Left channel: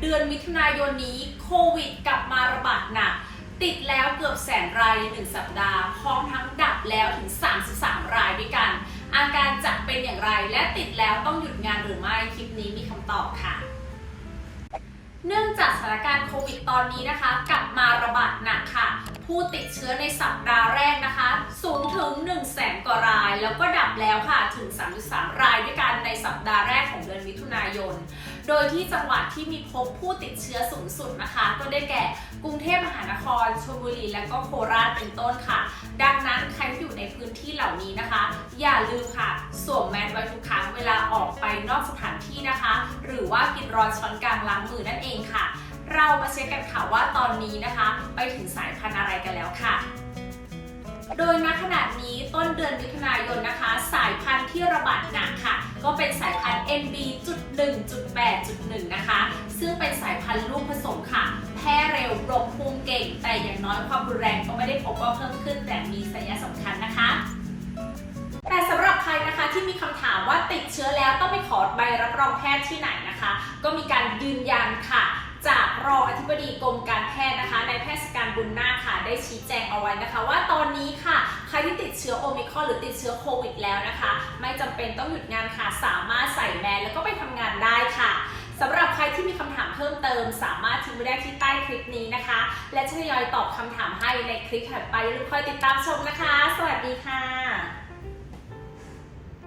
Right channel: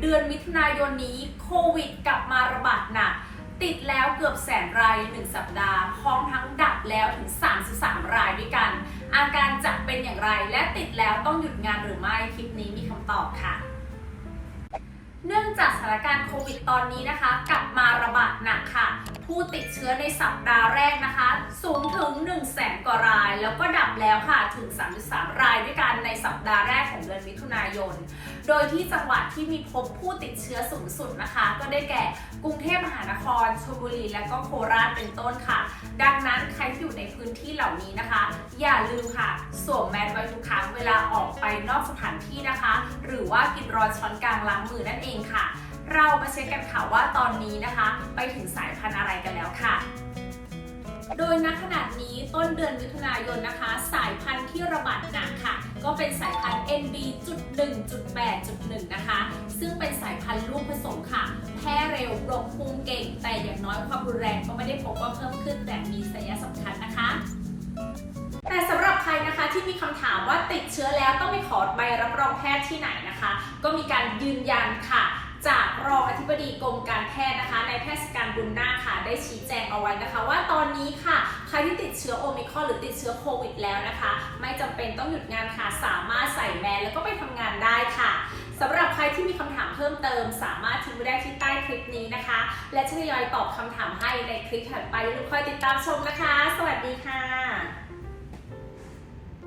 เดือนมิถุนายนนี้โควิดกลับมาระบาดหนัก ติดแล้วเกือบแสนรายในหนึ่งสัปดาห์ พร้อมทั้งดับแล้วถึง 33 รายด้วยกัน อาการจะเป็นอย่างไรและติดแล้วต้องหยุดงานหรือไม่ คลิปนี้มีคำตอบค่ะ เนื่องจากสถานการณ์โควิดตอนนี้นะคะ กลับมาระบาดหนักค่ะ ผู้ติดเชื้อในสัปดาห์แรกนะคะ สูงถึง 1 0 0 0 0แสนกว่าราย แล้วก็ดับแล้วค่ะถึง 33 รายด้วยกันในสัปดาห์แรก เดือนมิถุนายน โดยที่จังหวัดที่มีพบผู้ติดเชื้อสูงสุดนะคะ ก็ได้แก่กรุงเทพมหานครชลบุรี และก็โคราชเป็นต้นค่ะ ดังนั้นใครที่อยู่ในพื้นที่เหล่านี้นะคะ อย่าลืมค่ะสวมแมสไว้ทุกครั้งเวลาออกไปนอกสถานที่นะคะ หรือว่ากินรอนช้อนกลางล้างมือนั่นเองค่ะ เรามาเช็คกันค่ะว่าตอนนี้นะคะ ไปถึงสายพันธุ์อะไรกันแล้วค่ะโดยณขณะนี้ต้นเดือนมิถุนายนนะคะ สายพันธุ์ที่ระบาดหนักค่ะ ก็เป็นสายพันธุ์ NB.1.8.1 นะคะ ซึ่งเป็นสายพันธุ์ลูกผสมค่ะ แพร่เร็วรบภูมิเก่ง แต่อย่างน้อยความรุนแรงก็ไม่ได้พบว่าเพิ่มขึ้น แต่มีสัญญาสำคัญนะคะแต่สำหรับใครนะคะที่มีคำถามว่าติดเชื้อแล้วต้องไปขอใบรับรองแพทย์ที่ไหนนะคะ ก็มีการยืนยันค่ะ จากรองอธิบดีกรมการแพทย์นะคะในายแพทย์สการบุญนาคค่ะ ได้ชี้แจงเอาไว้นะคะ ว่าตอนนี้ค่ะ รที่ติดเชื้อโอมิครอนหรือติดเชื้อโควิดแล้วนะคะ ไม่จำเป็นต้องหยุดงานค่ะ สามารถใส่แมสแล้วก็ไปทำงานได้ค่ะสำหรับใครที่มีคำถามเพิ่มเติม สามารถทิ้งไว้ได้ที่ใต้คลิปนี้นะคะ และจะทยอยตอบคำถามให้ในคลิปถัดไปอย่าลืมคอยติดตามชมนะคะ สวัสดีค่ะ